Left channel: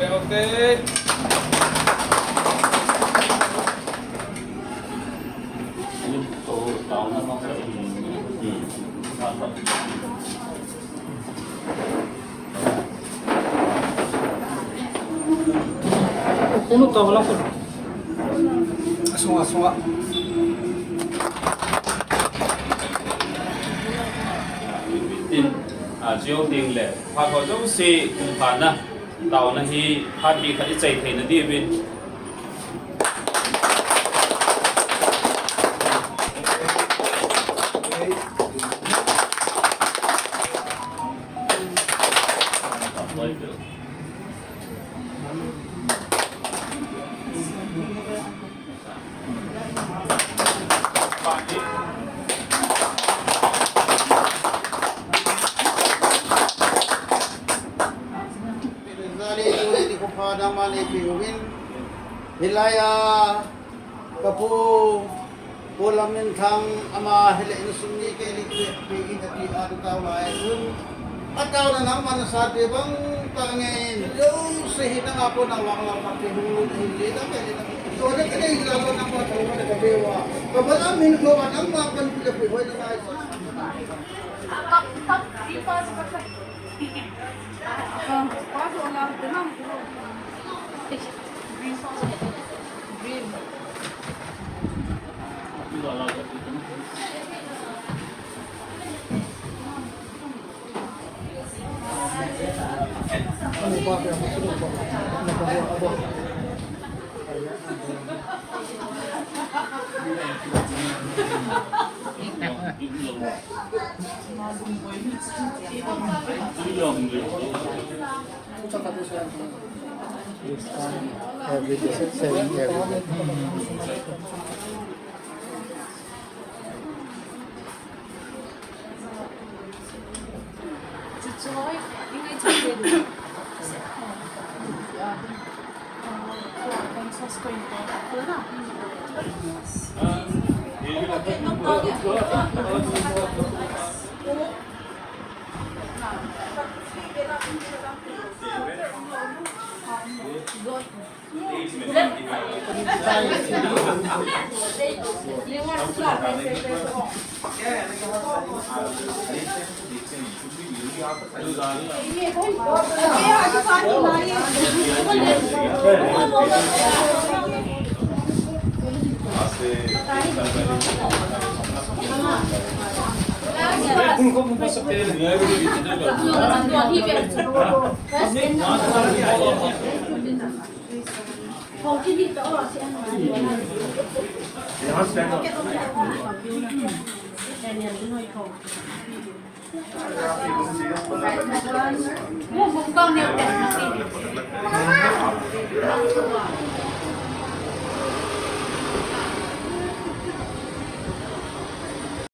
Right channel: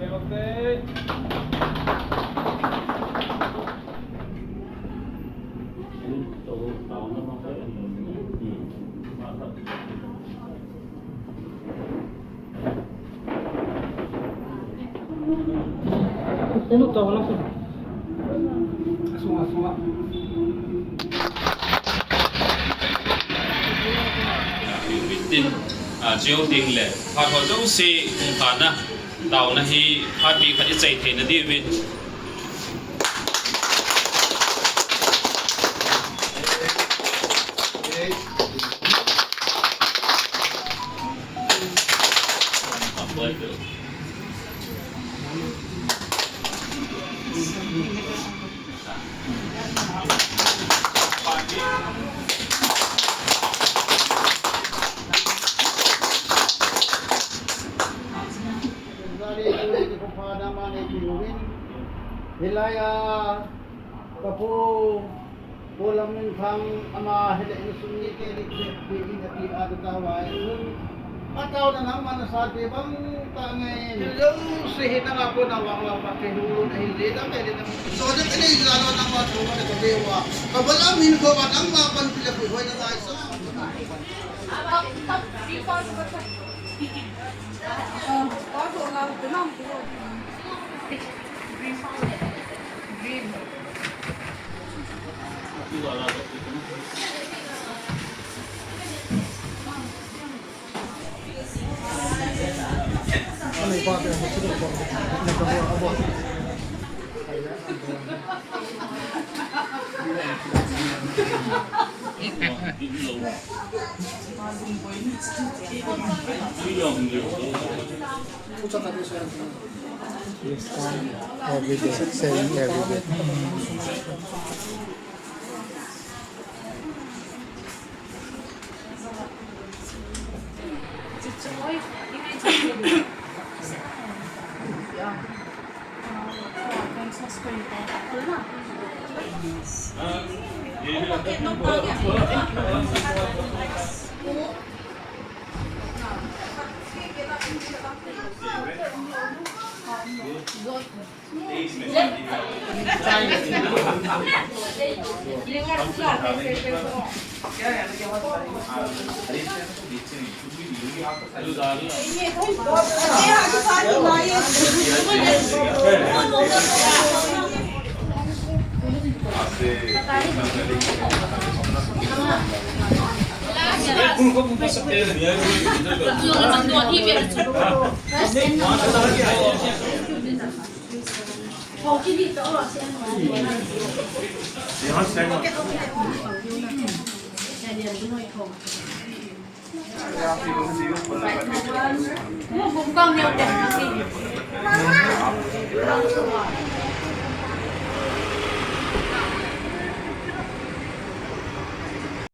Okay. Puno ka, walang puno. Sunga. Within chiếu đình lệ hoặc họ giống si cùng phản na tàu na hi phát bị khởi chạy thế na đi bên Hilaya kapu pulang thang ama hele sunni ke likit pi ati adu tawai un ataw na naman sa bang tangin lo sihita nga po na wang lang papihulo na hindi na pwede na so na kaya ilalo na mga tunga na kadewa kabalamin ko at ang mga panpilapuhoy na tayo sa Ano ba ito? Nagkawa. This one, every day, selling every day.